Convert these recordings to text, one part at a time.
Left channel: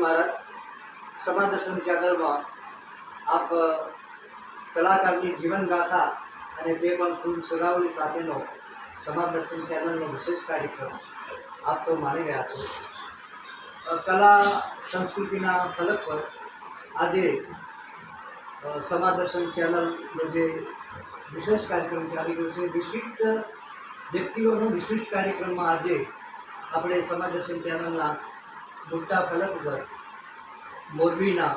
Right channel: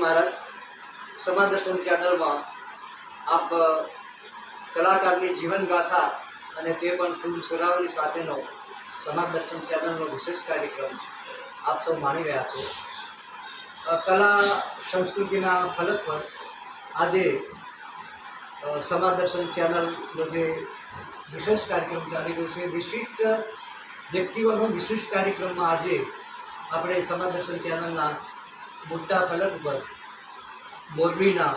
महाराज समाज दर्शन चैनल में आप कलाकार की जीवन गाथा અને તે પણ સુરાવલી સાથેનો સમાજ દર્શન ચેનલનો વિશેષ કાર્યક્રમ આપ સૌ માણી રહ્યા છો. કલા સંસ્કૃતિના ફલક પર આજે સમાજ દર્શન ચેનલનો જે વિશેષ કાર્યક્રમ ચાલી રહ્યો છે, વિશિષ્ટ વ્યક્તિઓનો વિશિષ્ટ કાર્યક્રમમાં આજે આપણે સમાજ દર્શન ચેનલના મોટા ફલક ઉપર મોરબીના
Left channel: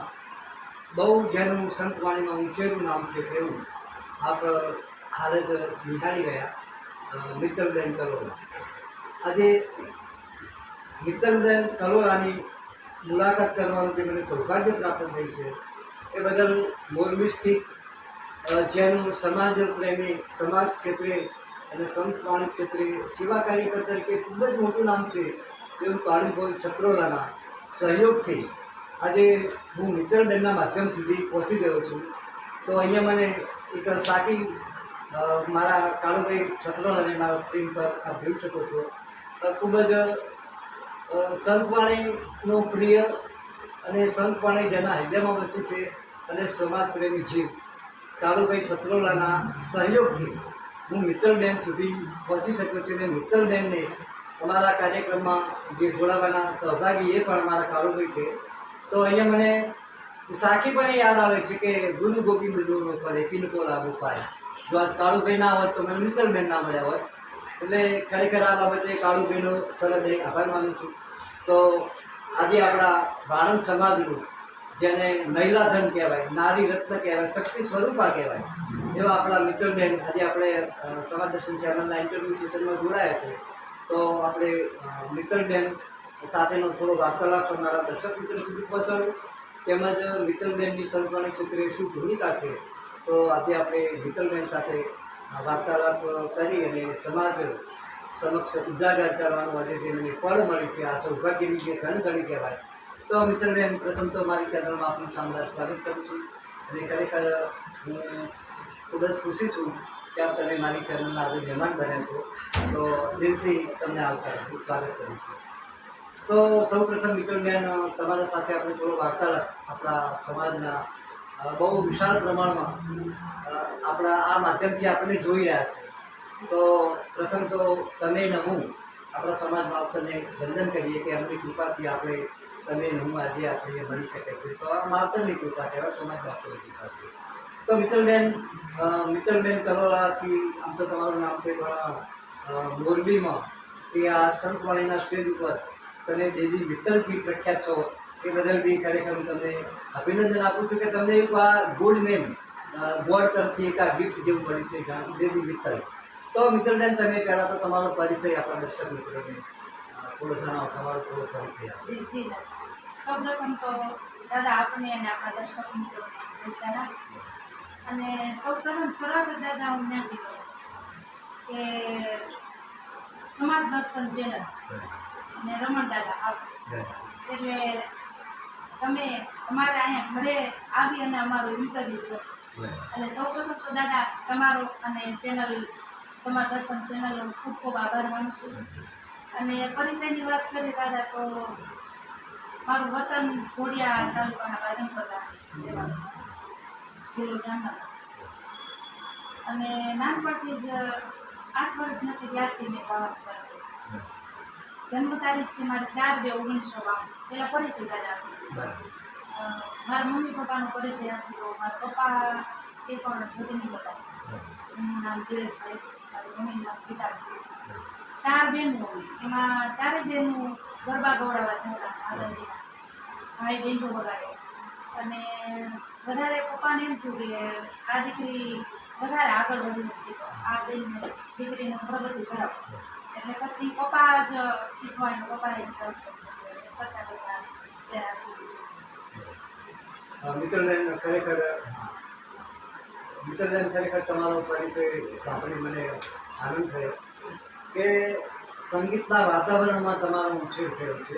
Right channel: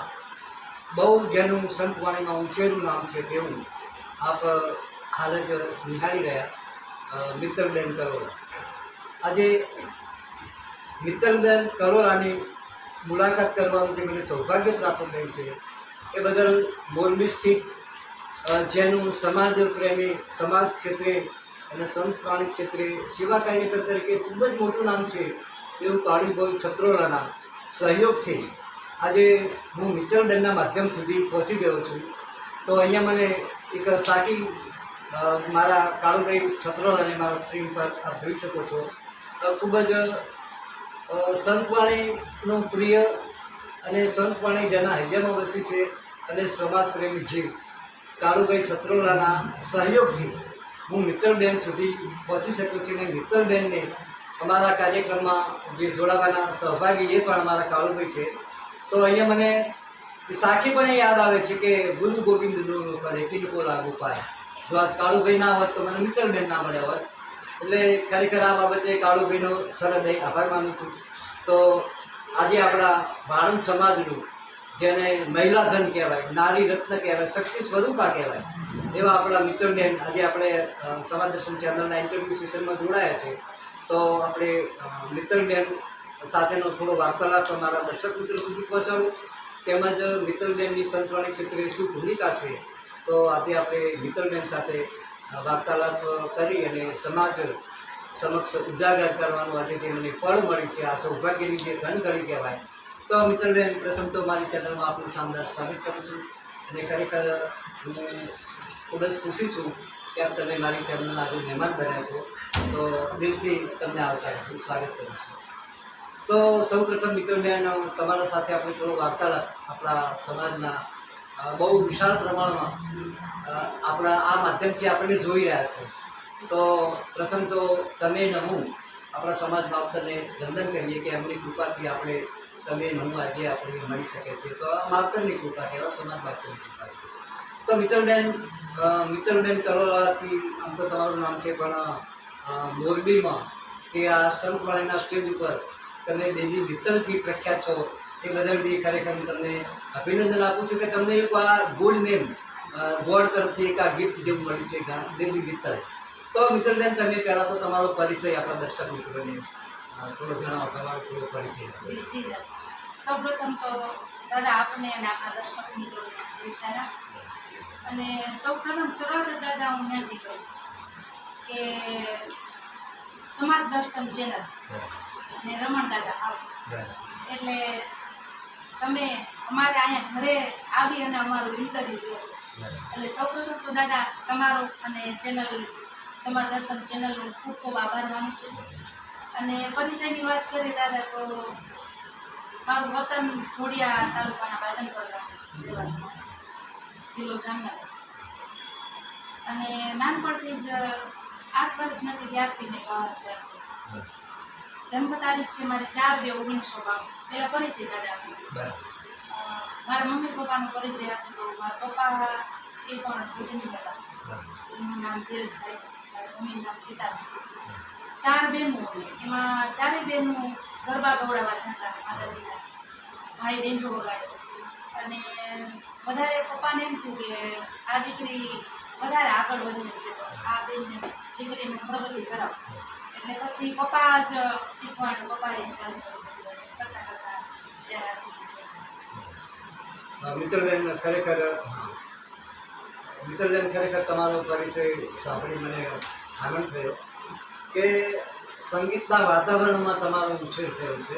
બહુ જેનું સંતવાણીમાં ઊંચેરું નામ છે તેવું આપ હાલ જ નિહાળી રહ્યા મિત્તલબેન કલોરા. આજે મિત્તલબેન કલોરાની મુલાકાત કરવાનું જે મને સૌભાગ્ય પ્રાપ્ત થયું છે એ બદલ મોરબી સ્થિત જેનું સમાજ પ્રેમી, સમાજ ક્ષેત્રે અને સંતવાણી ક્ષેત્રે સેવા કાર્યકર તરીકે ખૂબ જ મોટું નામ છે એવું કાળુભાઈ છત્રોલાના સહયોગથી આજે હું મિત્તલબેનના માધ્યમ સુધી પહોંચી ગયો છું. તો અહીંયા મને એક સાકી મારા કાળુભાઈ છત્રોલાને મારા સ્ક્રીન પર આપ જોઈ શકો છો. ખૂબ જ સંતવાણીનો પ્રિય અને સંતવાણી જેના હૈયામાં વસી છે અને સમાજ પ્રેમી જીવ કાળુભાઈ છત્રોલાના સહયોગથી હું મિત્તલબેન સુધી પહોંચી શક્યો છું. અને મિત્તલબેનને અમારા કાર્યક્રમમાં જે જોડાવાના સહભાગી એ પણ અમારા કાળુભાઈ છે. તો અહીંયા મને સાખી પણ યાદ આવે છે કે ગુરુ ગોવિંદનો કરે કિનકો લાગુ પાય. જો આજ કાળુભાઈ ના હોત તો મને મિત્તલબેન ના મળ્યા હોત. એટલે ખરેખર આ બાબતે કાળુભાઈનો સરહદય આભાર માનું છું. તો આજે આપણા ભાણંદ સમાજનું જેને મહિલા ધન કહેવાય, નારી રત્ન કહેવાય, શક્તિ સ્વરૂપા કહેવાય એવા આપણા મિત્તલબેન આજે આપણે સમાજ દર્શન ચેનલના ઇન્ટરવ્યૂ સેશનમાં જોડાયા છે. તો આપણે મિત્તલબેન સાથેનો થોડો વાર્તાલાપ અમારા દર્શક મિત્રો સુધી પહોંચાડું, તેમજ મિત્તલબેનની સંતવાણી ક્ષેત્રે શું ભૂમિકા છે. તો આજે આપણે મિત્તલબેન સાથે વાર્તાલાપ કરી અને સમાજ સમક્ષ ઉજાગર કરવાનું આજે જે મને ફળ મળી છે, આ સૌભાગ્યની જે ધન ઘડી કહેવાય. તો મિત્તલબેન, પ્રથમ તો મારી ચેનલમાં આપનું શાનદાર સ્વાગત કરું છું અને ખરેખર હું ખૂબ જ ખુશી છું કે આપ તમે મારી ચેનલના આજે મહેમાન બન્યા છો. તો દિલથી તમને આવકારું, સ્વાગત કરું છું. તો સૌ પ્રથમ મિત્તલબેન, તમારા સાથે આપણે થોડો વાર્તાલાપ આપણા સમાજના બહુ વિશાળ પ્રમાણમાં આપણા આ માધ્યમથી આપણને જોઈ રહ્યા છે. તો પ્રથમ તો તમે ને હું આપણા સમાજમાં આપણને વંદન કરીએ કે એમની કૃપાથી આપણે તમે ને હું આજે આપણે મળી શકે છે. તો આ માવતરની કૃપા કહેવાય, સમાજ માવતરની કૃપા છે. તો મિત્તલબેન કલોરાથી આમ તો તમારું નામ છે, પણ મોરબીમાં કે આ સંતવાણીના સ્ટેજ ઉપર તમે દેવી મિત્તલથી પ્રખ્યાત છો એ બદલ બી ખરેખર હું તમને અભિનંદન આપું છું કે તમને એક આ ગુડ નેમ બોર્ડ તરફથી એક આ ગિફ્ટ જેવું મળ્યું છે દેવી મિત્તલ. તો મિત્તલબેન, તમે પહેલાં તો તમારો પરિચય આપણા દર્શક મિત્રોને થોડો જણાવો, તમારો થોડો પરિચય આપો. જી દાદા, સૌપ્રથમ તો દાદા આપને અને આપણા દર્શક મિત્રોને જય સારા. અને સૌપ્રથમ શરૂઆત દાદા હું ત્યાંથી કરું કે સમાજ દર્શન ચેનલ અને રમણ દાદા આવ એટલે તમે અમારે અહીંયા ઘરે આવી અને અમારું ઇન્ટરવ્યૂ લ્યો છો. એટલે સૌપ્રથમ તો દાદા તમારો અને ચેનલ સમાજ દર્શન ચેનલનો ખૂબ ખૂબ આભાર માનું છું. અને પરિચયની વાત કરીએ દાદા તો મારું વતન જોડિયા તાલુકાના બાદનપર ગામ, જિલ્લો જામનગર. અને નાનપણથી જ 8 વર્ષ નથી ત્યારથી મેં ગાવાનું ચાલુ કર્યું. જન્મ તારીખ છે મારી 4/2/1992. પેલા પરિચય દાદા આપો. બરાબર. મારા મમ્મી પપ્પાનો પરિચય આપું તો મારા પપ્પા એ પણ ભજની હતા. એમનું નામ ધીરજભાઈ, મારી મમ્મીનું નામ ગીતાભાઈ. 4 બહેનો અમે, એમાં 4 બહેનો ગરબા ગવડાવવા જતા માતાજીના, ભાઈ બેંજો વગાડે. અને વધારે પપ્પાને એમ થયું કે આ દીકરી વધારે આગળ વધી છે તો આ બેનને દીકરીને પ્રગતિ કરાવો. એટલે પછી પપ્પા જ શીખવાડ્યું, પપ્પાએ ચાલુ કર્યું, કરતા કરતા ત્યારે આ શીખી ગયા. મિત્રબેન ખરેખર તમારો પરિચય સાંભળી મને આનંદ થયો કે સંગીતના વાતાવરણમાં તમારો ઉછેર થયો છે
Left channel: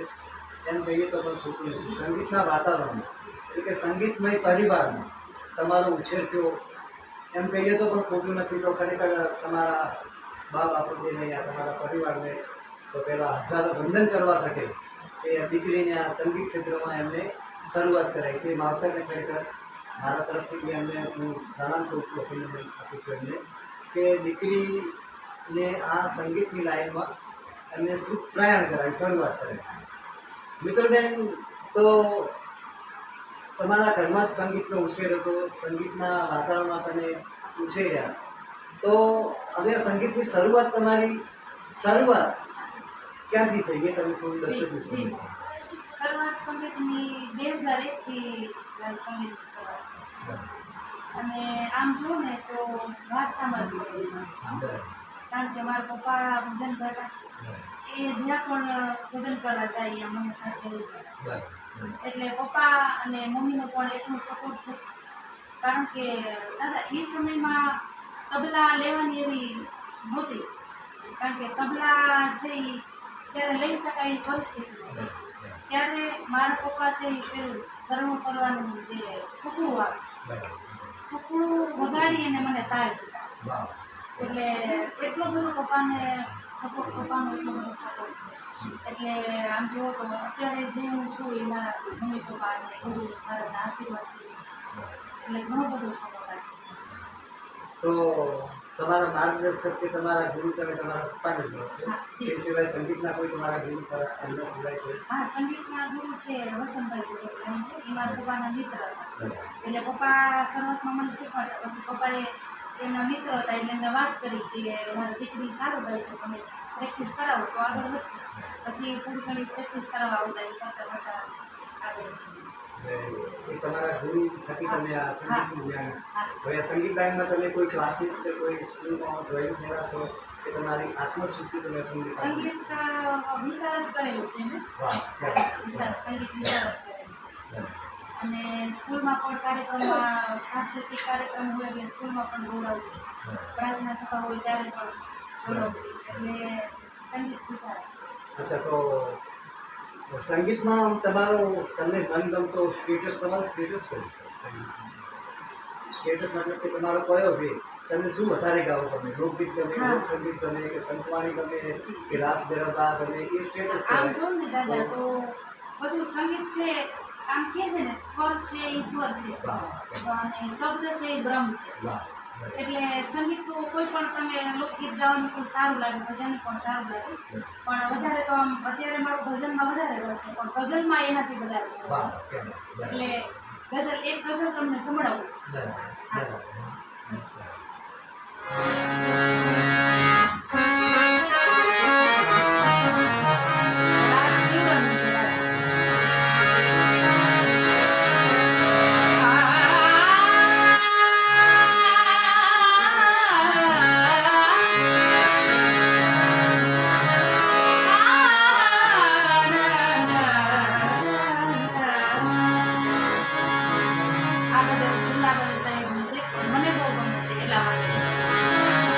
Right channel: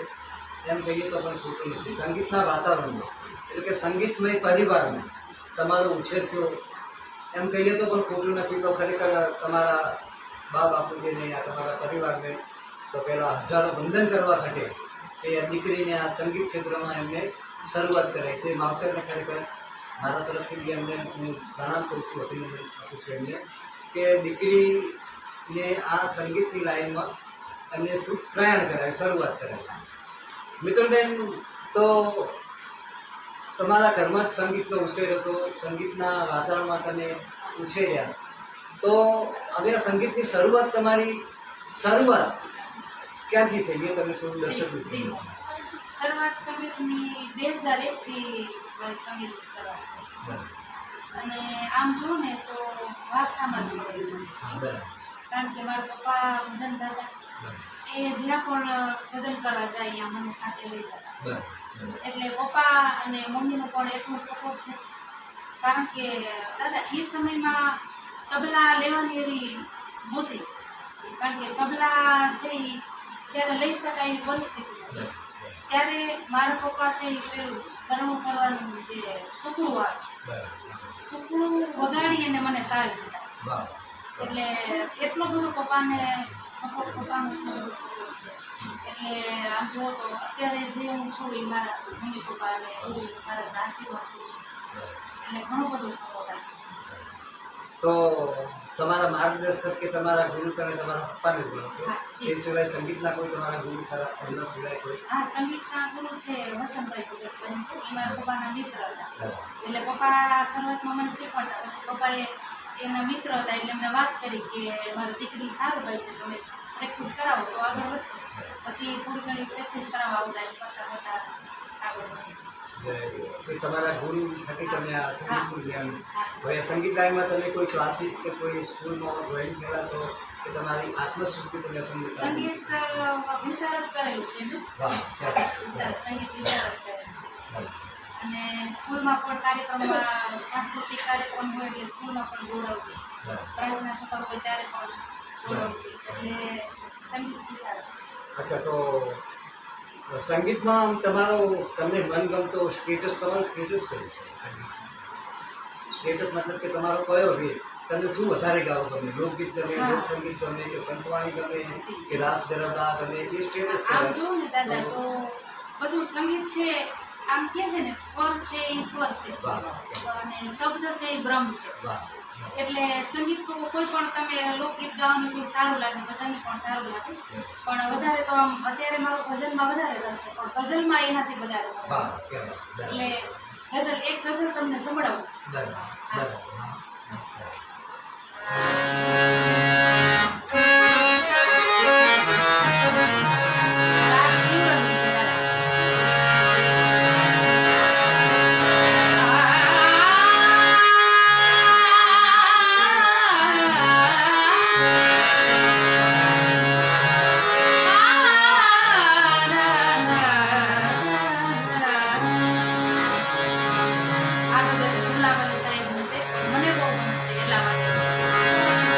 એમ કહીએ તો પણ ખોટું નથી. સંગીતના વાતાવરણમાં એટલે કે સંગીતમય પરિવારમાં તમારો ઉછેર થયો એમ કહીએ તો પણ ખોટું નથી. તો ખરેખર તમારા બા બાપુજીને યા તમારા પરિવારને તો પહેલાં હજારો વંદન કરવા ઘટે કે આ દીકરીને આ સંગીત ક્ષેત્રમાં એમને શરૂઆત કરાઈ. તે માવતરને ખરેખર મારા તરફથી એમને હું પ્રણામ કરું છું, અભિનંદન આપું છું એમને કે દીકરીને આ સંગીતની લાઈનમાં એમને શુભ પ્રયાણ કરાવી, શરૂઆત કરાવી. મિત્રબેન, તો તમારા ઘરમાં જ સંગીતનો ઉછેર હતો, સંગીતના વાતાવરણમાં તમે ઉછેર્યા, તો હવે સંગીતની તમારી શરૂઆત ક્યાંથી થઈ એ તમે થોડું દર્શક જી, શરૂઆત સંગીતની 2001 થી મારી સંગીતની શરૂઆત થઈ. અને આમ જુઓ ને તો વારસામાં જ મળેલું છે. કારણ કે મારા પપ્પા ભજન કરતા, એ જ્યાં પણ ભજન કરવા જાય ત્યાં મને સાથે લઈ જતા. એટલે પપ્પા અને મમ્મીનો પણ એટલો સપોર્ટ છે. કારણ કે દાદા એ સમયમાં તબલા લેવાની એવી નહોતી, કારણ કે તબલા છે એ ત્યારે લઈ શકાય એવી પરિસ્થિતિ નથી. ત્યારે મારા પપ્પા છે એ પેલું ઘરણું કરવાનું જે સુકડું આવે, સુકડું વગાડી અને મને તારી દીધા. એટલે એટલો બધો પપ્પાનો એટલો બધો સપોર્ટ છે. એટલે આમ જુઓ તો અત્યારે જે હું છું એ મારા મમ્મી પપ્પા અને ગુરુ મહારાજના આશીર્વાદથી છું. એટલે ઘણો બધો સપોર્ટ આપ્યો છે. તો તમારા માર્ગદર્શક કે તમારા ગુરુ તમે તમારા પપ્પાને બોલો છો, એ સિવાય સંગીતના કોઈ તમારા ગુરુ ખરા એમના સિવાય કોઈ? હા, સંગીતના ગુરુ છે વસંતભાઈ કુદરતની છે, એ મારા પપ્પાના મિત્ર હતા. એટલે પપ્પા શરૂઆતમાં મને શીખવાડતા, પછી પપ્પાએ એમના મિત્ર હતા એટલે એમને વાત કરી કે મારી દીકરી સારું ગાય છે, તમે પ્રેક્ટિસ કરાવો તો આગળ વધશે. પછી થોડી ઘણી પ્રેક્ટિસ કરાવવા આવતા, એમ કરતાં કરતાં આગળ કોઈ તમારા ગુરુ થકી તમે આ સંગીતનું જ્ઞાન, હવે આ સંગીત લાઈનમાં તમે કોઈ ક્લાસીસ કે કોઈ સ્કૂલમાં જોઈન થયેલા છો કે તમારી આત્મશુદ્ધિ તમે સંગીત વિશારદ કરેલું છે મેં. સંગીત વિશારદ કરેલું છે. અને સ્કૂલમાં પણ કાર્યક્રમમાં સાંસ્કૃતિક કાર્યક્રમ હોય એટલે સ્કૂલમાં પણ ગૌરવતી, પ્રાર્થના સભા હોય ત્યારે પણ ગૌરવતી. એટલે સંગીત વિશારદ છે. અચ્છા, તો સંગીતમાં તમને મનગમતો સ્ટેટસ, તમારું સ્ટેટસ કયું છે સંગીતમાં? સ્ટેટસ મતલબ કે તમારો કયો વે, તમને શું વધારે ગાવો ગમે? લોકગીત ગમે, લોક સંગીત ગમે કે સંતવાણી ગમે કે રાસ ગરબા ગમે? એ સ્ટેટસ આમ જો ને દાદા તો બધું સંગીત છે, આમ કહે છે ને સ્વર છે એ ઈશ્વર છે અને શબ્દ છે એ બ્રહ્મ છે. એટલે સંગીત તો કોઈ પણ તમે લોકગીત ગાવાનું કોઈ સારું લાગે, ભજન પણ સારું લાગે, પણ વધારે તો આમ અત્યારે મારો ભજનમાં વધારે રસ છે, પણ ગઝલમાં એનાથી વધારે. એટલે એક ગઝલ તમને સંભળાવું. મને બહુ ગમે છે એટલા માટે.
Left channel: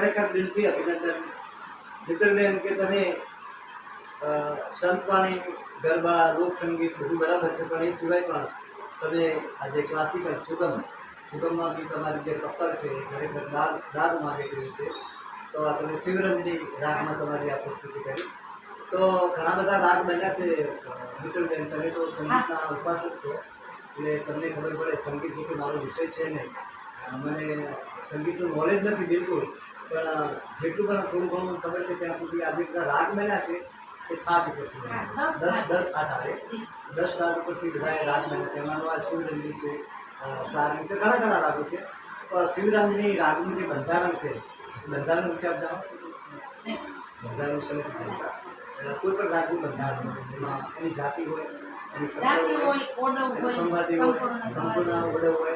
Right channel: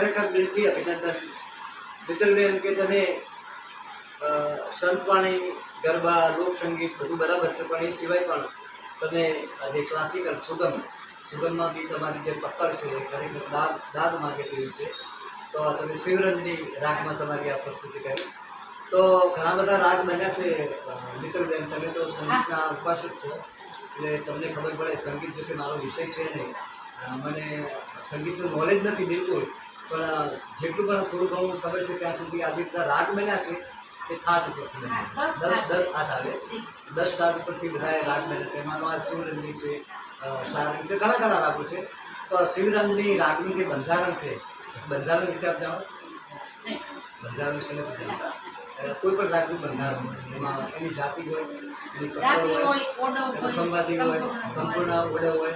ખરેખર દિલથી અભિનંદન મિત્રબેન કે તમે સંતવાણી ગરબા લોકસંગીત બધું બરાબર છે, પણ એ સિવાય પણ તમે આજે ક્લાસિકલ સુગમમાં બી તમારી જે પકડ છે એ ખરેખર દાદ માગે તેવી છે. તો આ તમે શિવરંજની રાગમાં તમારી આ પ્રસ્તુતિ કરી. તો ઘણા બધા રાગ બન્યા છે મિત્રબેન, તમે તો સંગીતના ઉપાસક છો એટલે તમને ખબર પડે. સંગીત જો કે મારો વિષય છે નહીં, મને સંગીતનું નોલેજ નથી બિલકુલ, પણ જેટલું પણ થોડું ઘણું ખબર છે ત્યાં સુધી આજે બધા રાગ બન્યા છે એ થાટ ઉપરથી બન્યા. 10 થાટ આવે, 10 થાટ ઉપરથી બધા રાગ બન્યા છે. એમાંનો આ શિવરંજની છે, સારંગ છે, ઘણા રાગો છે. તો શિવરંજની રાગનું જે બંધારણ છે, બંધારણ વિશે આપ જાણો છો? બંધારણ વિશે નથી જાણતા. કોઈ પણ રાગનું બંધારણ એમાં એની જાતિ હોય, એની પકડ હોય, સંવાદી હોય, સંપૂર્ણ ઓડે હોય,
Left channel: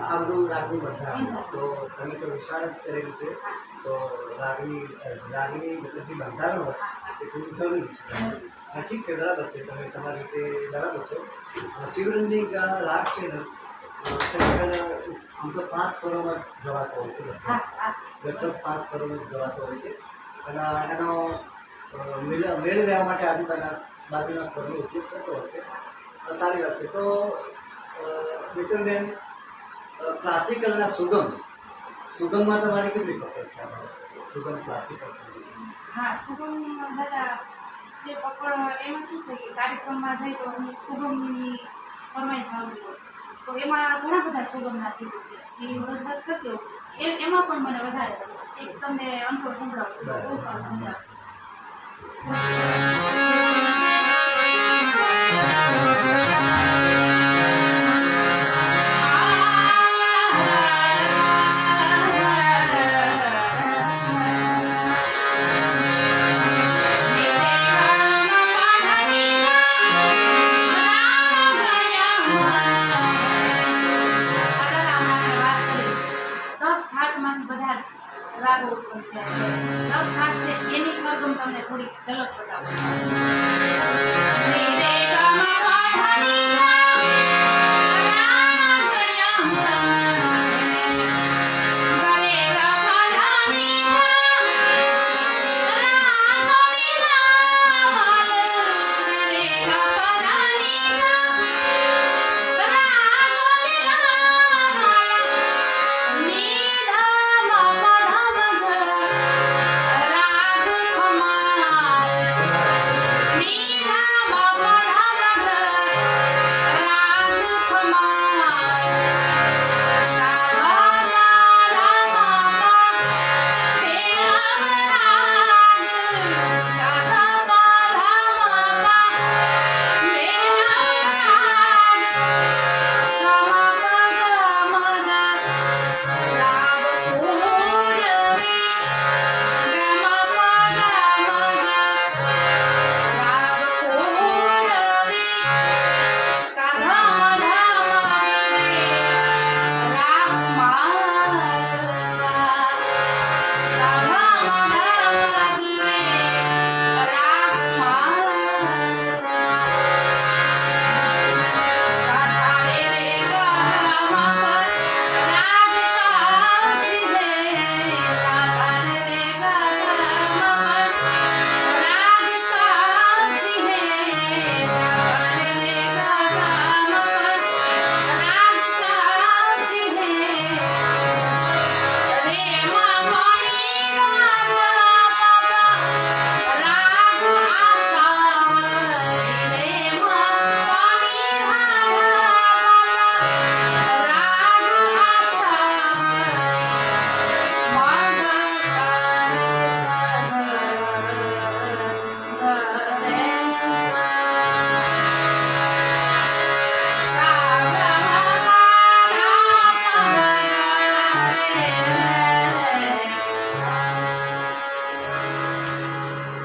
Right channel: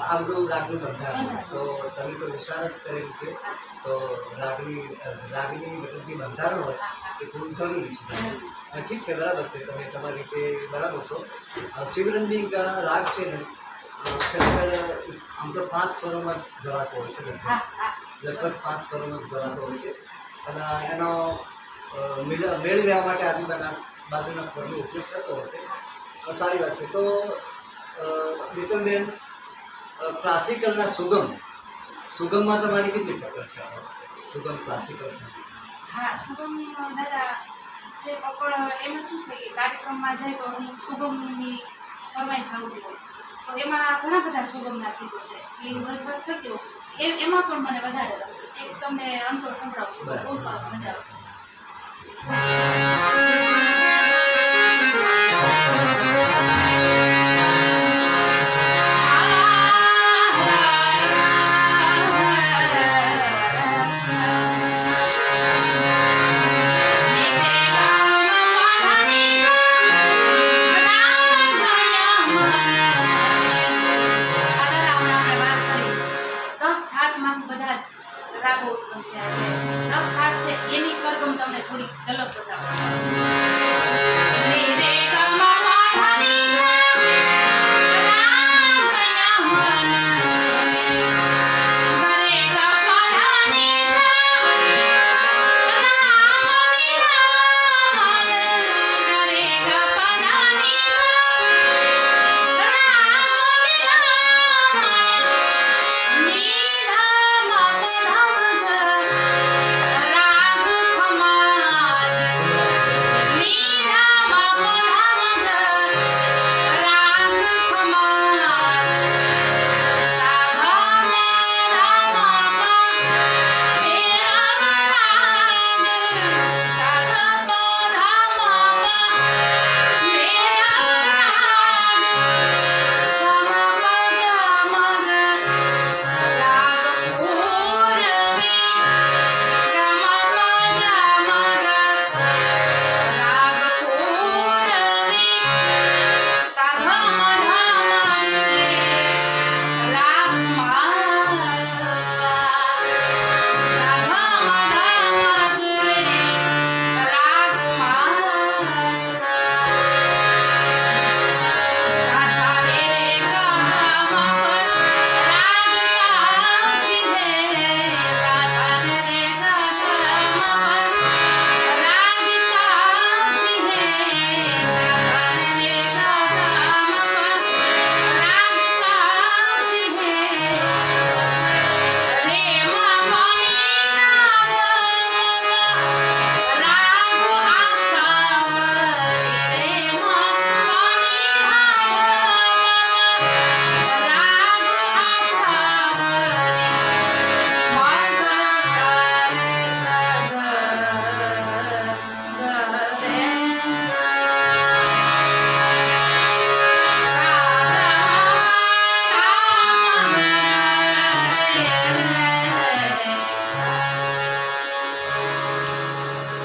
આ બધું રાગનું બંધારણ. તો તમે તો વિશારદ કરેલું છે, તો રાગની બધી બંધારણ હોય એ થોડું જરૂરી છે. ઠીક છે, બરાબર છે, તમે તમારી રીતે બરાબર છો. શિવરંજની રાગ છે ને ખરેખર આમ તો 5 સ્વરોમાં જ ગવાતો હોય છે, લગભગ 5 સ્વરોમાં જ ગવાતો હોય છે. અને એનો મેળ લેવા માટે બાજુના સ્વરનો ઉપયોગ થતો હોય છે. સારી વાત છે. તો મિત્રબેન, ક્લાસિકલના સુગમમાં તમારી કેટલી પકડ છે? સુગમ ક્લાસિકલ સંગીત. હા, સુગમ દાદા છે પકડ. એમાં શું છે કે કાર્યક્રમમાં જાય તો અમુક સુગમની ફરમાઈશ આવતી હોય, તો એમાં ઘણા બધા સુગમના ગીતો છે એ રજૂઆત કરતી હોય. એમાં પણ મને વધારે રસ છે. એક તમને અંતોડ સંભળાવું છું, બહુ સરસ મજા આવશે. રાગો ઉત્પન્ન થયા છે. 10 થાટ છે એની સરગમ તમને થોડી ઝલક બતાવો.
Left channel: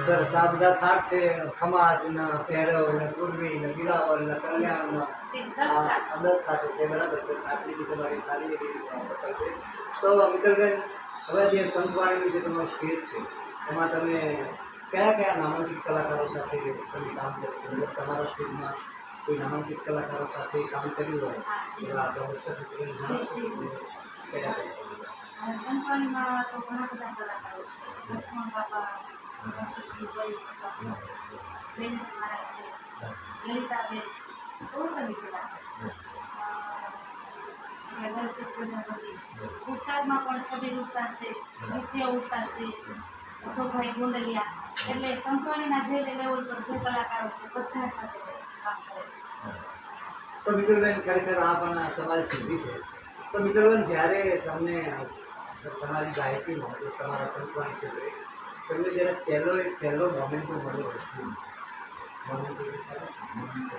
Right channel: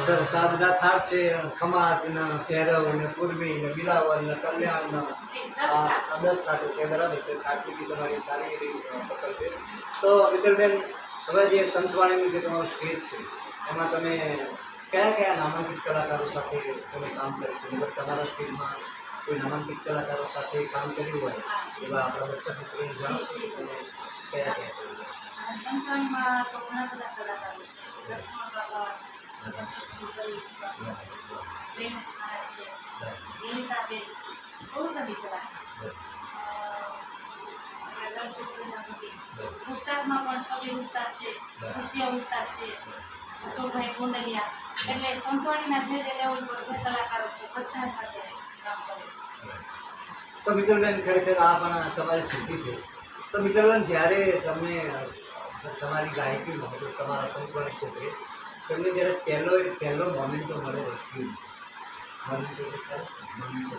સરસ. આ બધા થાટ છે, ખમાજ ને ભૈરવ ને પૂર્વી ને બિલાવલ ને કલ્યાણ ને 10 થાટો છે, બરાબર છે. થાટની બી તમારી સારી એવી પકડ છે. તો મિત્રબેન, હવે જે સંતવાણીનું જે તમારું સ્ટેજ છે એમાં તમે કયા નામાંકિત કલાકારો સાથે તમે કામ કર્યું છે? મતલબ તમારા સ્ટેજમાં કોઈ નામાંકિત કલાકારો સાથે કામ કર્યું હોય એવા આપણા દર્શક મિત્રોને જણાવો. કયા કર્યું? અને સંતવાણીમાં તો ઘણા બધા કલાકારો છે. લક્ષ્મણ બાબા, હર્ષદ ગોપાલ, શ્રેયસ મહારાજ છે, લલિતાબેન, બહુ બધી કલાકાર. આપણે દર્શક પ્રજાપતિ, ઉસ્તાદમાં પણ સબીર ઉસ્તાદ છે, રશિયા ઉસ્તાદ છે, અશોકભાઈ ગોંડલિયા. એટલે સંતવાણીના જે લેવલ પર જે કલાકારો છે બધા સાથે કામ કરે છે. તો મિત્રબેન ખરેખર આ પણ તમારી સિદ્ધિ છે. તો મિત્રબેન જ્યારે તમને તમારી ગાયકીમાં તમારા સંતવાણી ક્ષેત્રે તમને જ્યારે પહેલો મોમેન્ટો મળ્યો હોય મોમેન્ટો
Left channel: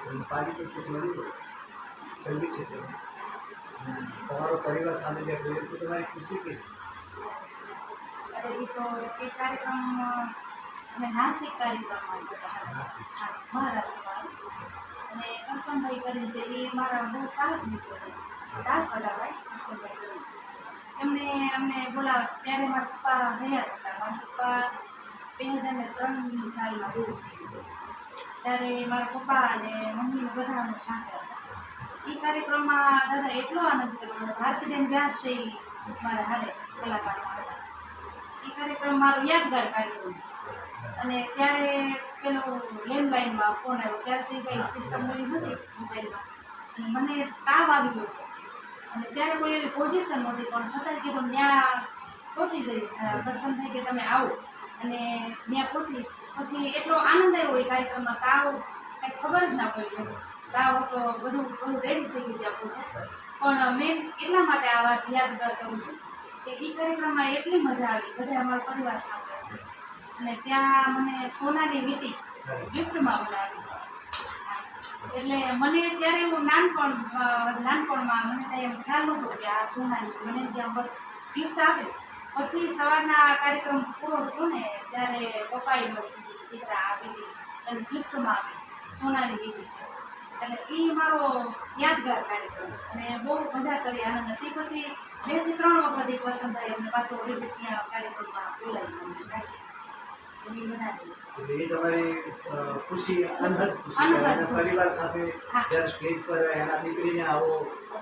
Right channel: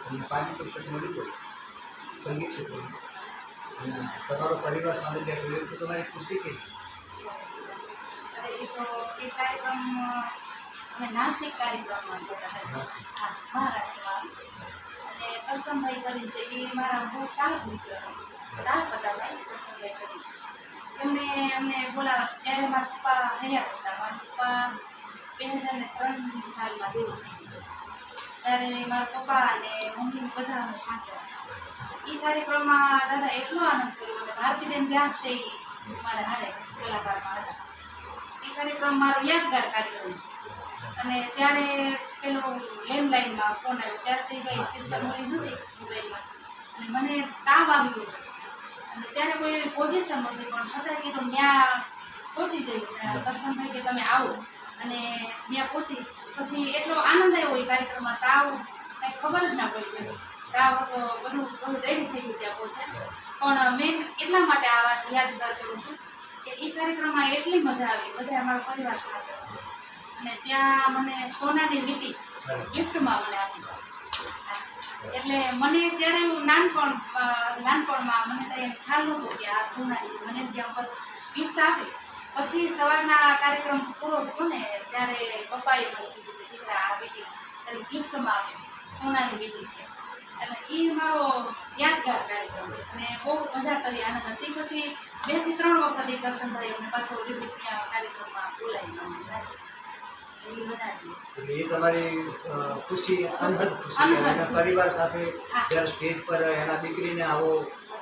તમને પારિતોષિક મળ્યું હોય સંગીત ક્ષેત્રમાં અને તમારો પરિવાર સામે બેઠો હોય તો તમારી ખુશી કેવી? અરે એ તો એ કાર્યક્રમ અમે નાસિક કાર્યક્રમમાં કરતા હતા. નાસિક. હા, મહારાષ્ટ્રમાં. અને કરશનભાઈ કરીને છે એ મારા બહુ ચાહક મિત્ર ચાહક હતા ભાઈ કરશનભાઈ કરીને. અમને બોલાવ્યા ત્યારે મારા પપ્પા હયાત હતા. મારા પપ્પા 2003ની સાલમાં દેવું થઈ ગયું. ત્યારે મારા પપ્પા અને મમ્મી બધા અમે સાથે હતા. એ કાર્યક્રમમાં દાદા એટલો આનંદ કર્યો અને ભારતીબેન વ્યાસ છે એ મારા હારે કલાકારમાં હતા. એ કાર્યક્રમ મારો યાદગાર કાર્યક્રમ છે. અને ત્યારે પેલો લેન્ડલાઇનમાં ફોન આવ્યો ત્યારે તો એ કંઈ સિસ્ટમ હોય નથી મોબાઈલમાં. અને મને તાવ આવી ગયો હતો અને ત્યારે કોઈ એવી પોઝિશન નહોતી પણ છતાંય કીધું ત્યાં પહોંચી જઈ. કરશનભાઈ કે તમે આવો અને ત્યાં પહોંચી પછી એટલો આનંદ આવ્યો એ કાર્યક્રમમાં. તાવ કાંઈ ખબર જ ના પડી એમ. તાવ હતો બધું રેડી થઈ ગયું ત્યાં પહોંચે. પણ મેં એટલા માટે આ વાત યાદગાર કરું છું કે એ કાર્યક્રમમાં એટલી મજા આવી બધા અમારા પરિવાર સાથે. અને ત્યાં મને સોનાની વીંટી ગિફ્ટમાં મને આપી. એટલે મને ત્યારે એવું નાનપણમાં મને ત્યાં એમ ખ્યાલ નહોતો કે આ સોનાની છે. મને એમ ત્યાં બસ ગિફ્ટ આપે. પછી સવારના કાર્યક્રમ પૂરો થયો ને ત્યારે પપ્પાએ મને કીધું કે દીકરા આ વીંટી તને ગિફ્ટમાં આપે સોનાની વીંટી છે. એટલે એ મારો યાદગાર કાર્યક્રમ છે અને બહુ મજા કરી આનંદ હતી. પછી 2 થી 3 વખત એ કરશનભાઈ અમને પાછો રિપીટ ત્યાં કાર્યક્રમમાં બોલાવી મને એ બધા. એટલે એ તમારી ખુશી અનહદ ખુશી અને પરિવાર સાથે જ્યારે સ્ટેજ પર એના દીકરીને આવો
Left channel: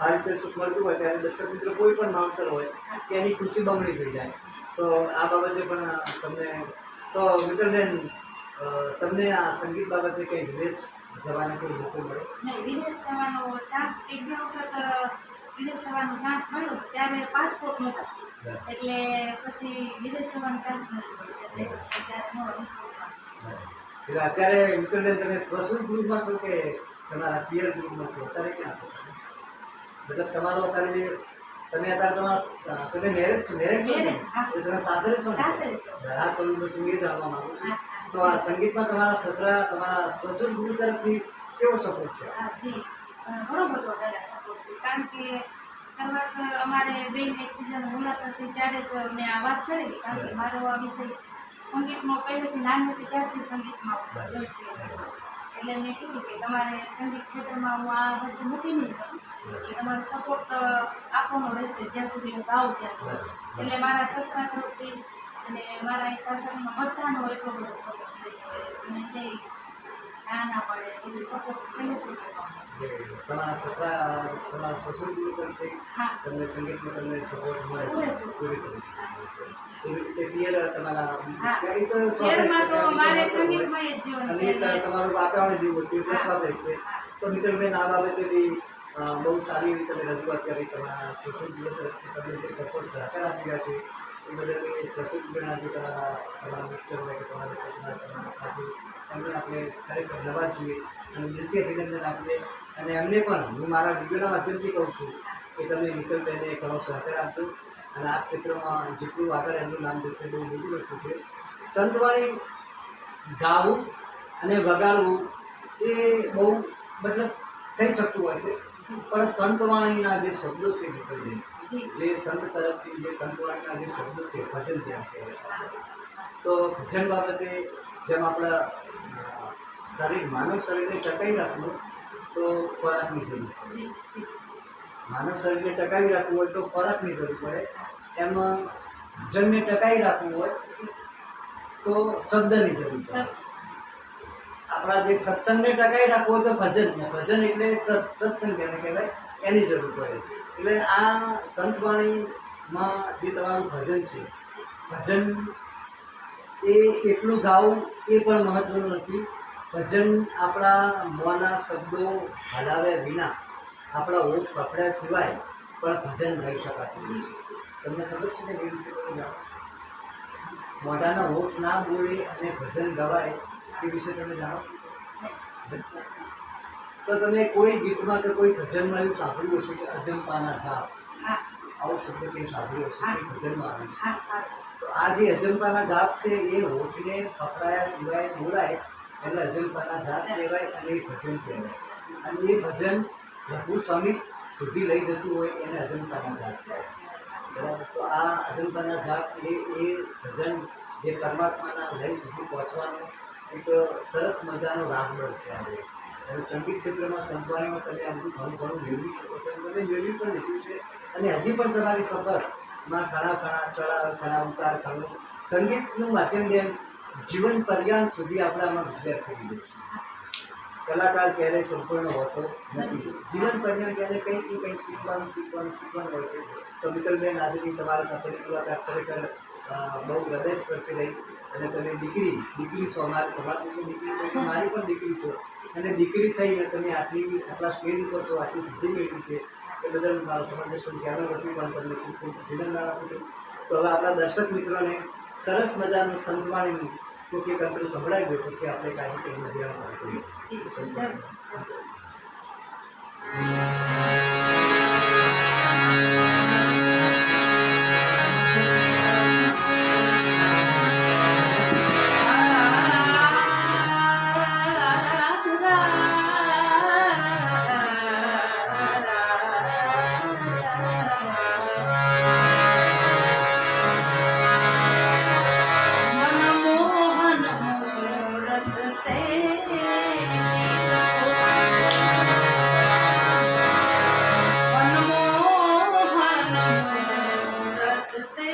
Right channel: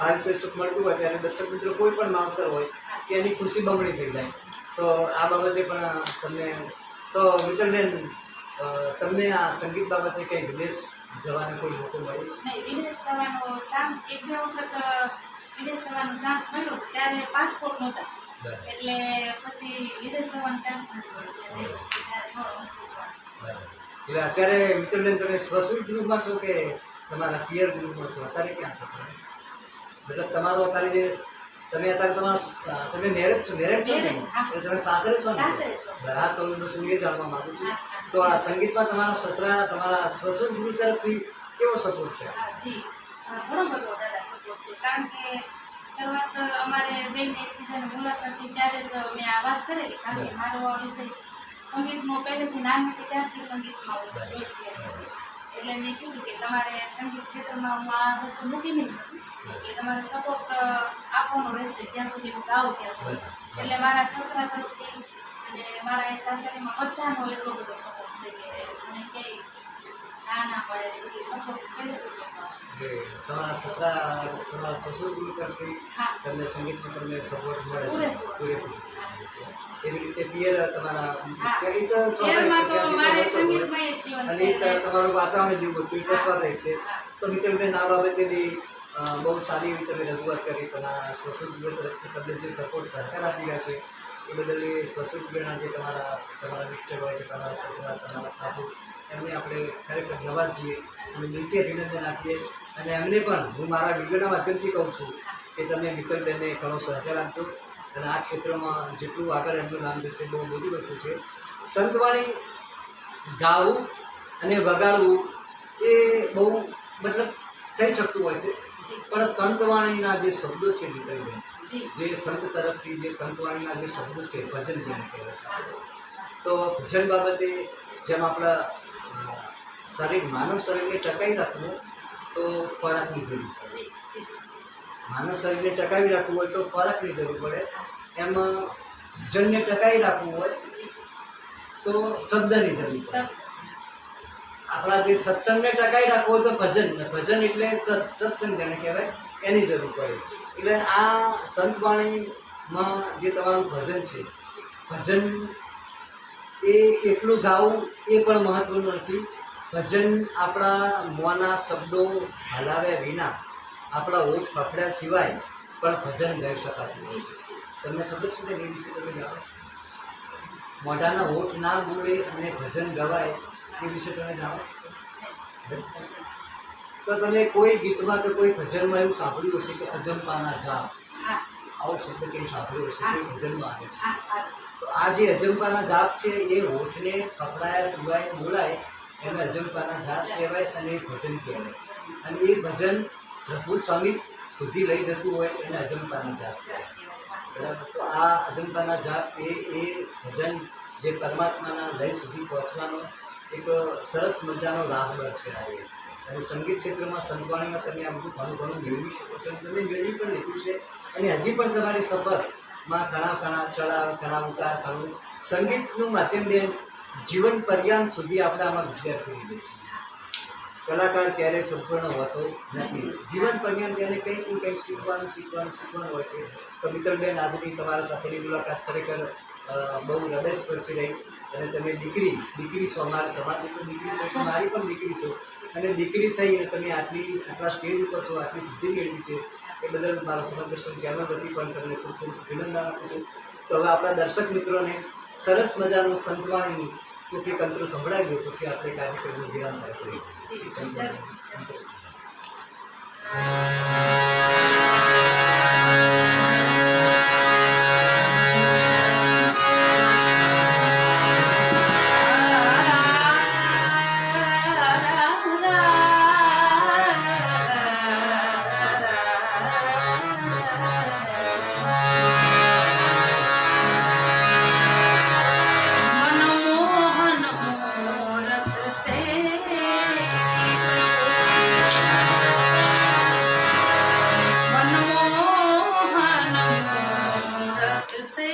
પારિતોષિક મળતું હોય ત્યારે દર્શક મિત્રો કોઈ પણ માવતર હોય કે એની ખુશી બમણી થઈ જાય. તો આ બાબતે પણ તમને તો મિત્રબેન તમને આ સંગીત બાબતે કંઈ વિદેશ જવાનો કોઈ મોકો મળ્યો? નહીં, વિદેશ જવાનો ચાન્સ 1-2 વખત વિદેશ જવાનો ચાન્સ મળ્યો હતો ત્યારે પાસપોર્ટ નહોતા. એટલે પછી વિદેશ જવાનો ચાન્સ નથી મળ્યો. એટલે અત્યારે મિત્રબેન તમે સ્વસ્વીટ ગ્રુપમાં છો કે તમારા પિયર ગ્રુપમાં છો? અત્યારે ક્યાં છો તમે? મતલબ તમારો અત્યારે તમે મેરેજ છો ને? એટલે તમે સાસરે છો ને? હા, તો હું બસ એ જાણવા માંગુ છું. તો આ સંગીતમાં તમારા સસરા તમારા સ્વસ્વીટ ગ્રુપ તરફથી કેવો સપોર્ટ છે? જી, ઘણો બધો દાદા સપોર્ટ છે. કારણ કે શરૂઆત અમારે બેન એકબીજાને મુલાકાત થઈ ત્યારે જ મેં આ વાત કરેલી. કારણ કે મારો આ વિષય સંગીતનો પહેલેથી નાની હતી ત્યારથી સંગીતમાં હું જોઈન્ટ થયેલી. એટલે મેં કીધું કે તમારે સંગીત ક્ષેત્રમાં હું આ વસ્તુ મૂકી નહીં શકું. એટલે તમારે સપોર્ટ આપવાનો રહેશે જ્યાં સુધી હું ગાઉં ત્યાં સુધી. એટલે મારા સસરા તરફથી અને મારા એ સાસરીમાં બધાનો એટલો બધો સપોર્ટ છે કે મને ક્યાંય ના પડે બધી સપોર્ટ પહેલેથી જ આપવાનો. તમારા સસરા તમારા સસુર ગુરુ તરફથી તમને સંગીતમાં તમને સપોર્ટ મળે છે પૂરેપૂરો. એવી રીતે પિયર તમારા એ તો તમારું વાતાવરણ જેવું હતું એ સ્વાભાવિક છે. તો મિત્રબેન આ બાબતે બી બહુ સારી એવી તમે રજૂઆત કરી. તમારા સસુર ગુરુ તરફથી તમને જે સપોર્ટ સહકાર આપી રહ્યા છે એ બદલ એ સસુર ગુરુનાથી તમારા મિત્ર હોય કે તમારા સસરા તમારા સાસુ એમને આપણે ખરેખર નવાજીએ અને દિલથી અભિનંદન આપીએ. અને એમને પણ હું મારા વિડીયોના માધ્યમથી કહું છું કે તમે મિત્રબેનને ઘણો સહકાર આપજો અને આ ક્ષેત્રમાં જેટલું આગળ એમનું નામ જશે બહુ મોટી વસ્તુ છે. સંતવાણી ગાવું અને વગાડવું એ બહુ મતલબ થઈ શકતું હોય છે. પણ સંતવાણીના જે શબ્દો છે મિત્રબેન, જે સંત તરફથી જે સંતવાણીના જે શબ્દો છે ભજન જેને કહેવાય. તો ભજન બાબતે જેમ આપણા માનવ શરીરને ટકાવી રાખવું તો ખોરાકની જરૂર પડે. માનવ શરીરને ટકાવી રાખવું હોય તો ખોરાકની જરૂર પડે. એમાં ભજનને ટકાવી રાખવું હોય તો શબ્દની જરૂર પડે. આપણા જે સત્સંગને ટકાવી રાખવું હોય તો ભજન એટલે સત્સંગ જેને કહેવાય એની જરૂર પડે. એટલે આ સંતવાણી માં જે તમારું ભજન છે, ભજન એ એકલું ગાવું એ પણ મહત્ત્વનું નથી. ભજન આપણા મોંના શબ્દો હલાવ્યા વિના, આપણા ઓઠ પકડ્યા સિવાય પણ ભજન ગાઈ શકાતું નથી. તમને ખબર છે ને એ વિશે તમે જાણો? મોઢાના ઓઠ ના બોલે અને ભજન ગવાય એ વિશે તમે જાણો? તો તમે કોઈ ગીતમાં કે કોઈ ભજનમાં એવું સાંભળ્યું હશે કે અજંપાના જાપ, હા આવો શબ્દ કંઈ સાંભળ્યો હશે? કોઈ ભજનમાં આવે છે. હા હા તો આ જે અજંપાના જાપ છે એ હોઠને પકડાયા સિવાય બોલાય એને અજંપાના જાપ કહેવાય અને એ ભજન કહેવાય. અને એ ભજન પ્રભુ સ્વામી સુધી લઈ જતું હોય એને અજંપાના જાપ કહેવાય. બરાબર? તો આ અજંપાના જાપ એ ભજન જે પરમાત્માના લય સુધી પહોંચવાનો એક સરસ મજાનો રાહબર છે આ એક. અને સંગીત ક્ષેત્રમાં સંતવાણીમાં તમે આ બધું ઘણું ઘણું મેળવી શકો છો. તમે મેળવી પણ લીધું છે અને હજી પણ તમારી સફરમાં ઘણા ચડાવ, ઘણા ઉતાર, ઘણું સંગીતનું માધ્યમ બેન જીવન પર્યંત સુધી આપણે આમાં વિદ્યાર્થી લીધે છે. કલાકાર ક્યારેય સંપૂર્ણ હોતો નથી. જીવન પર્યંત એને કંઈક ને કંઈક શીખવાનું હોય છે. તો મિત્રબેન, આજની તમારા સાથેની મુલાકાત ખરેખર બહુ હૃદયસ્પર્શી રહી. અને તમે દીકરી છો, અમારા સમાજની તો દીકરી છો, મારી પણ દીકરી છો. અને દીકરી થઈ અને તમે આટલા સ્ટેજ ઉપર છો, આટલી સિદ્ધિ મેળવી છે એ બદલ મારા સમાજ દર્શન ચેનલ વતી પણ તમને ખૂબ ખૂબ અભિનંદન આપું છું. તો હવે આપણા દર્શક મિત્રોને સરસ મજાનું સંતવાણીનું કોઈ તંત્ર સંભળાવી દો, પછી આપણે કાર્યક્રમનો વિરામ કરીએ. મનમોહન મૂરત તે મનમોહન મૂરત તે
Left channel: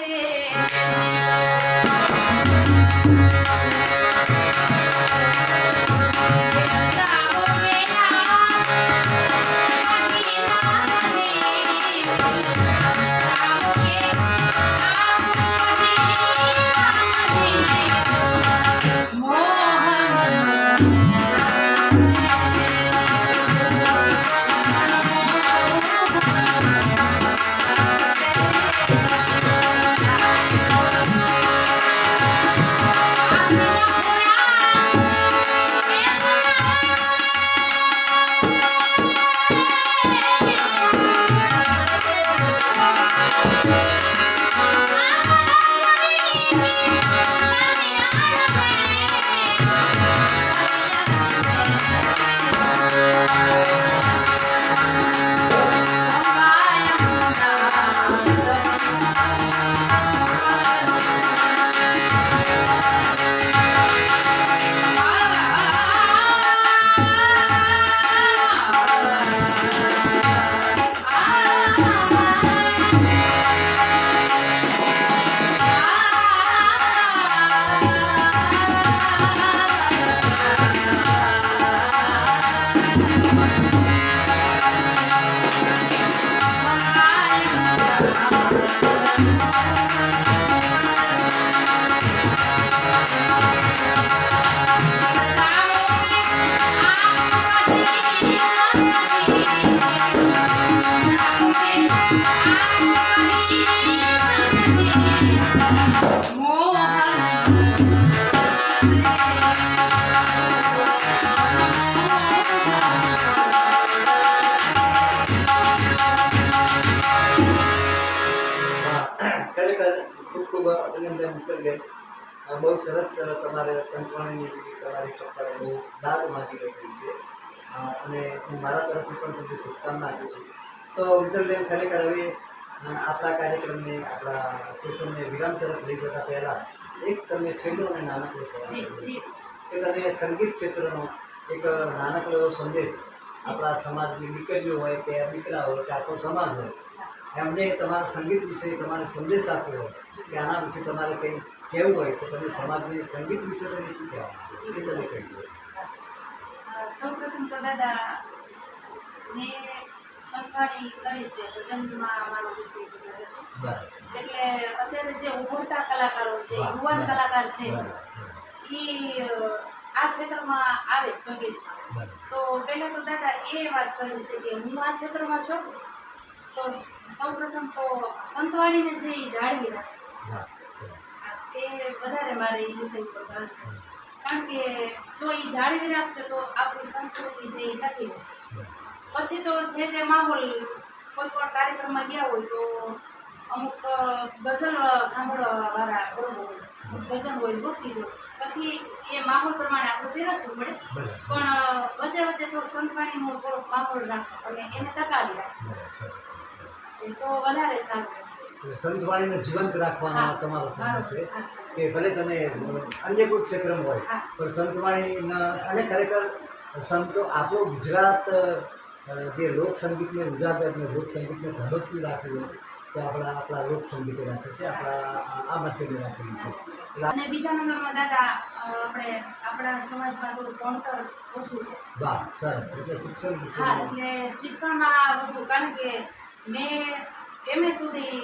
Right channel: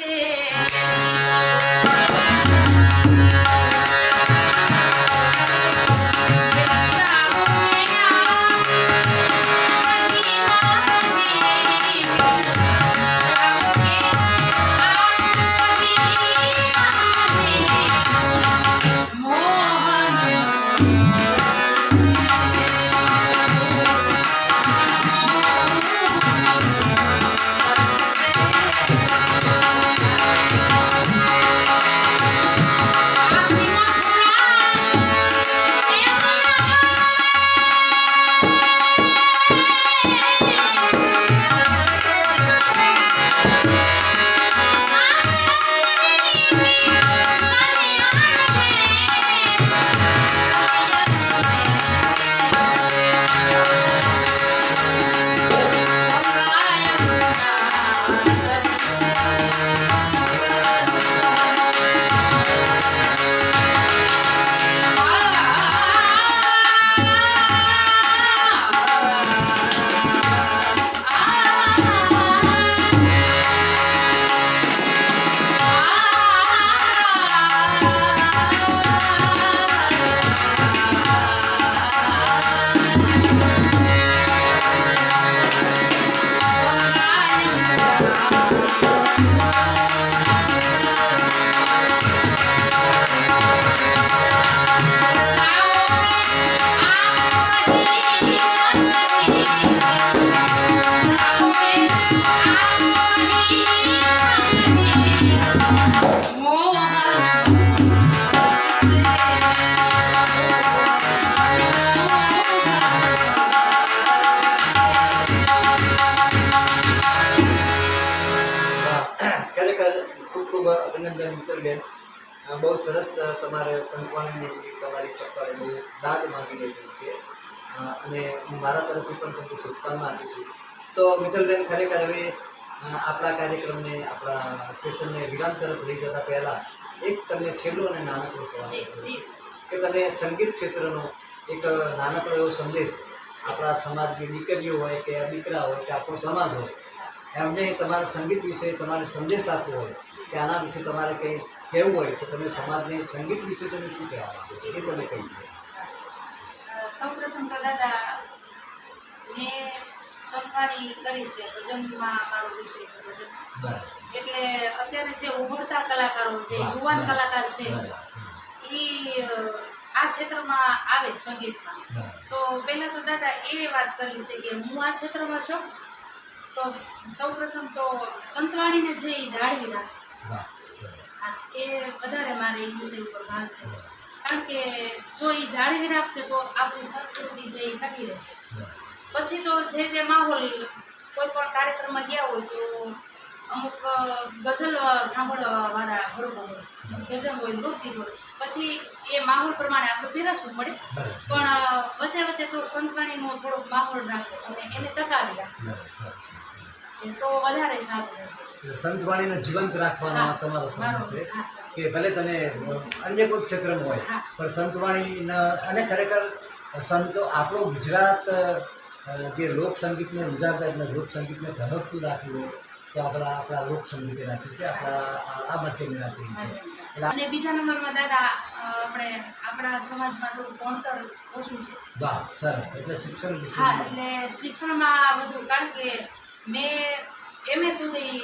ખરેખર ખૂબ ખૂબ અભિનંદન મિત્રબેન. બહુ સરસ તમારે સંતવાણીની તમારી ચપ્પલ બહુ દાદ માગી રહી છે. અને હું મારા તરફથી પણ તમને શુભકામના આપું છું. તો મિત્રબેન, ખરેખર હવે આપણા કાર્યક્રમને, આપણા સેશનને વિરામ તરફ લઈ જતા પહેલાં એક તમને છેલ્લો અને નાનકડો સવાલ કે તમે સંગીત ક્ષેત્રનો એક નાનકડો એવો સંદેશ આપણા સમાજની દીકરીઓ હોય કે દીકરા હોય કે આપણો સમાજ હોય, એમને તમારા સંગીત વિશે તમારે સંદેશ આપવો હોય કે આના વિશે તમારે કંઈ કહેવું હોય તો તમે સમાજને સંગીત વિશે તમે શું કહેવા માંગો છો એ તમે કહી દો. સૌ પ્રથમ તો દાદા, મેં સંભાળી કરી છે ભજનમાં મારો વિષય છે ભજન. બરાબર એટલે અત્યારે જે ઉભરતા કલાકારો જે યુવાન કલાકાર છે એ આ ક્ષેત્રમાં આવે સંગીતમાં, તો પહેલાં તો દાદા એ વાત કરવી છે કે હું આ ક્ષેત્રમાં છું તો સૌપ્રથમ તો સંતવાણીને છે એ જાળવી રાખે. હા, એ વધારે મારે એ વિષય ઉપર ભાર છે, કારણ કે જો એ જાળવી રાખશે તો આપણી સંસ્કૃતિ છે એ ટકી રહેશે. પછી તો જે માહોલ કોઈ પણ કાર્યક્રમમાં ગયા હોય તો અમુક ગઝલ સાંભળવા વાળા બરોબર હોય, ભજન હોય, લોકગીત હોય, પછી એ માહોલ પ્રમાણે આપણે પીરસવું પડે, પણ વચ્ચે વચ્ચે તો સંતવાણીનો થોડોક માહોલ રાખો અને એને ટકાવી રાખો તો વધારે સારું રહેશે. સંતવાણીને જીવંત રાખવાનો હા, તમારો સંદેશ છે હા, કે ભલે તમે અન્ય કોઈ ક્ષેત્રમાં હોય હા. પણ સંતવાણી અને ખરેખર સંતો આપણો ગુજરાત જે લોકસંગીતને ઉજાગર અને લોકસંગીતને ધબકતું રાખ્યું હોય તો આપણા લોકસંગીતે રાખ્યું છે, આ માધ્યમે રાખ્યું છે. અને બીજા નંબરમાં દાદા આપણે આપણા સમાજમાં થોડું ભણતર ઓછું છે. વાહ, સરસ. એટલે શિક્ષણ વિશે હા, એટલે શિક્ષણમાં વધુ, કારણ કે મેં MA સુધી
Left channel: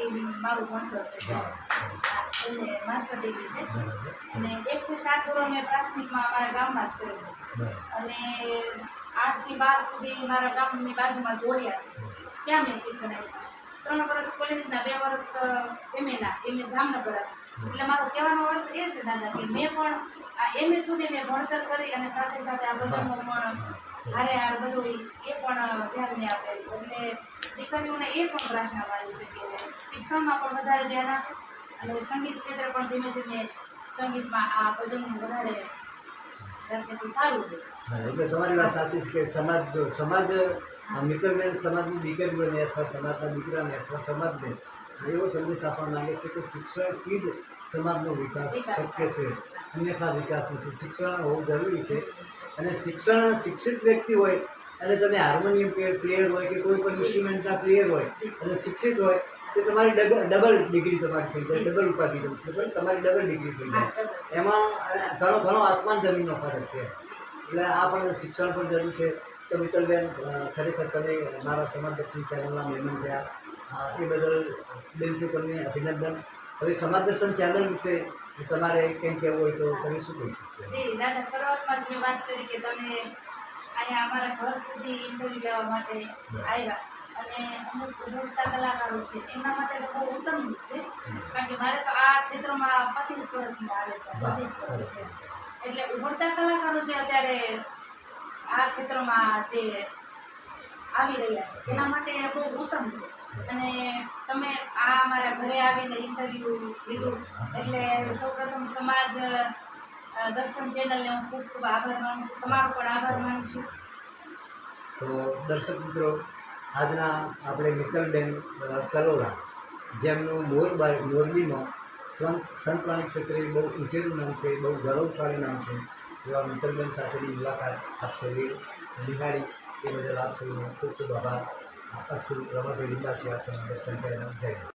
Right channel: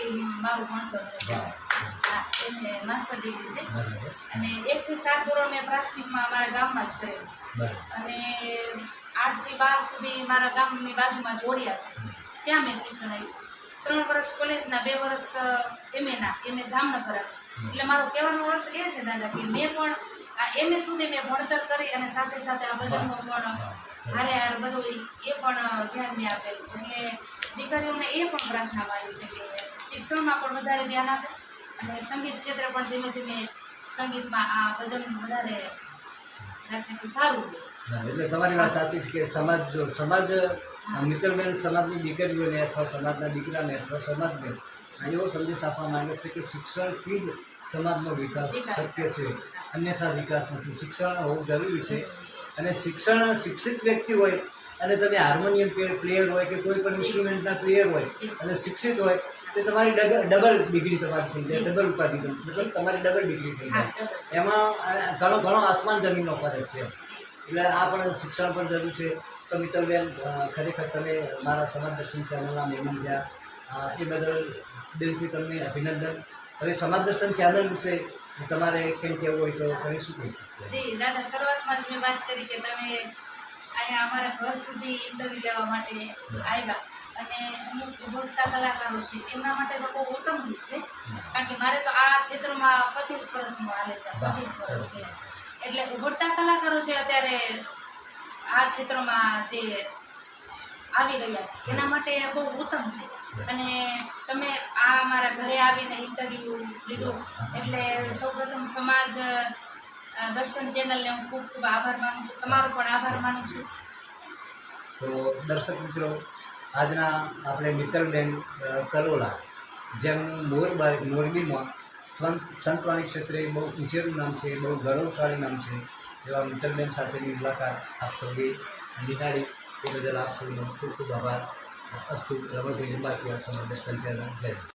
મારું ભણતર છે. વાહ, હા, MA માસ્ટર ડિગ્રી છે. બરાબર અને 1 થી 7 ધોરણ મેં પ્રાથમિકમાં અમારા ગામમાં જ કરેલું, બરાબર અને 8 થી 12 સુધી મારા ગામની બાજુમાં જોડિયા છે, ત્યાં મેં શિક્ષણ આપ્યું. 3 વર્ષ કોલેજના, 2 વર્ષ MA જામનગર આપ્યું. એટલે મારો કહેવાનો અર્થ એ છે દાદા કે મેં પણ આ MA સુધી મેં ભણતર કરી અને સાથે સાથે આ ભજનનો પણ હારે બધું એ પણ ધ્યાન મેં આપેલું. એટલે દીકરીઓને એ પણ પ્રાર્થના મારી છે કે શિક્ષણમાં પણ વધારે ધ્યાન આપે અને સંગીત ક્ષેત્રે પણ ધીમે ધીમે સંગીતમાં આ ભજન વધારે રાખે તો સારું રહે. એટલે તમારી વાત સાચી છે કે સમાજ મિત્રબેન સમાજની દીકરીઓને અથવા સમાજના દીકરાને અથવા સમાજને એવો સંદેશ આપવા માંગે છે કે શિક્ષણથી જ સમાજનો વિકાસ શક્ય છે, અન્યથા વિકાસ નથી. શિક્ષણ હોવું જરૂરી છે અને શિક્ષિત વ્યક્તિ હોય અને તમે હાર્મોનિયમ પ્લેયર હોય કે કોઈ પણ ઇન્સ્ટ્રુમેન્ટના પ્લેયર હોય અને શિક્ષિત હોય તો તમારી ડબલ ડિગ્રી તમારી થઈ જાય, ડબલ ઉપાધિ, મતલબ તમારી ડબલ ડિગ્રી થઈ જાય. એમાં ઘણો આસમાન જમીનનો ફરક છે. એટલે આ પણ શિક્ષણ પણ જરૂરી છે. તો મિત્તલબેન, ખરેખર તમે મારા સમાજ દર્શન ચેનલના મહેમાન થયા એ બદલ દિલથી તમને અભિનંદન. હવે સમાજ દર્શન ચેનલ વિશે તમારે કંઈ કહેવું હોય તો તમે શું કહી શકો? જી દાદા, શરૂઆતમાં જ મેં વાત કરી કે તમે અહીંયા અમારા ઘર સુધી ઇન્ટરવ્યૂ લેવા માટે આવ્યા અને અમુક ઉભરતા કલાકારો છે એમના માટે તો બહુ ઉત્તમ છે, કારણ કે મારે તો આ ક્ષેત્રમાં 25 વર્ષનું હાલે છે, 25 વર્ષ છે. એટલે ઉભરતા કલાકારો જે અત્યારે આ ક્ષેત્રમાં જે આવી રહ્યા છે એના માટે બહુ ઉત્તમ છે. અને તમે આ અમારા ઘરે આવીને ઇન્ટરવ્યૂ લીધું એટલે સૌપ્રથમ સમાજ દર્શન ચેનલને હું ખૂબ ખૂબ આભાર માનું છું, તમારો પણ આભાર માનું છું. તો દર્શક મિત્રો, આજના આપણે મિત્તલબેન કલોડા, જેમનું મોરબીમાં સંતવાણી ક્ષેત્રે બહુ ઊંચેરું નામ છે, બહુ ગૌરવશાળી નામ છે, એવા મિત્તલબેન સાથેની મુલાકાત આપ સૌએ નિહાળી એ બદલ આપ સૌનો ખૂબ ખૂબ આભાર. અસ્તુ. રમણભાઈ લિંબાચી, સમાજ દર્શન ચેનલ. જય.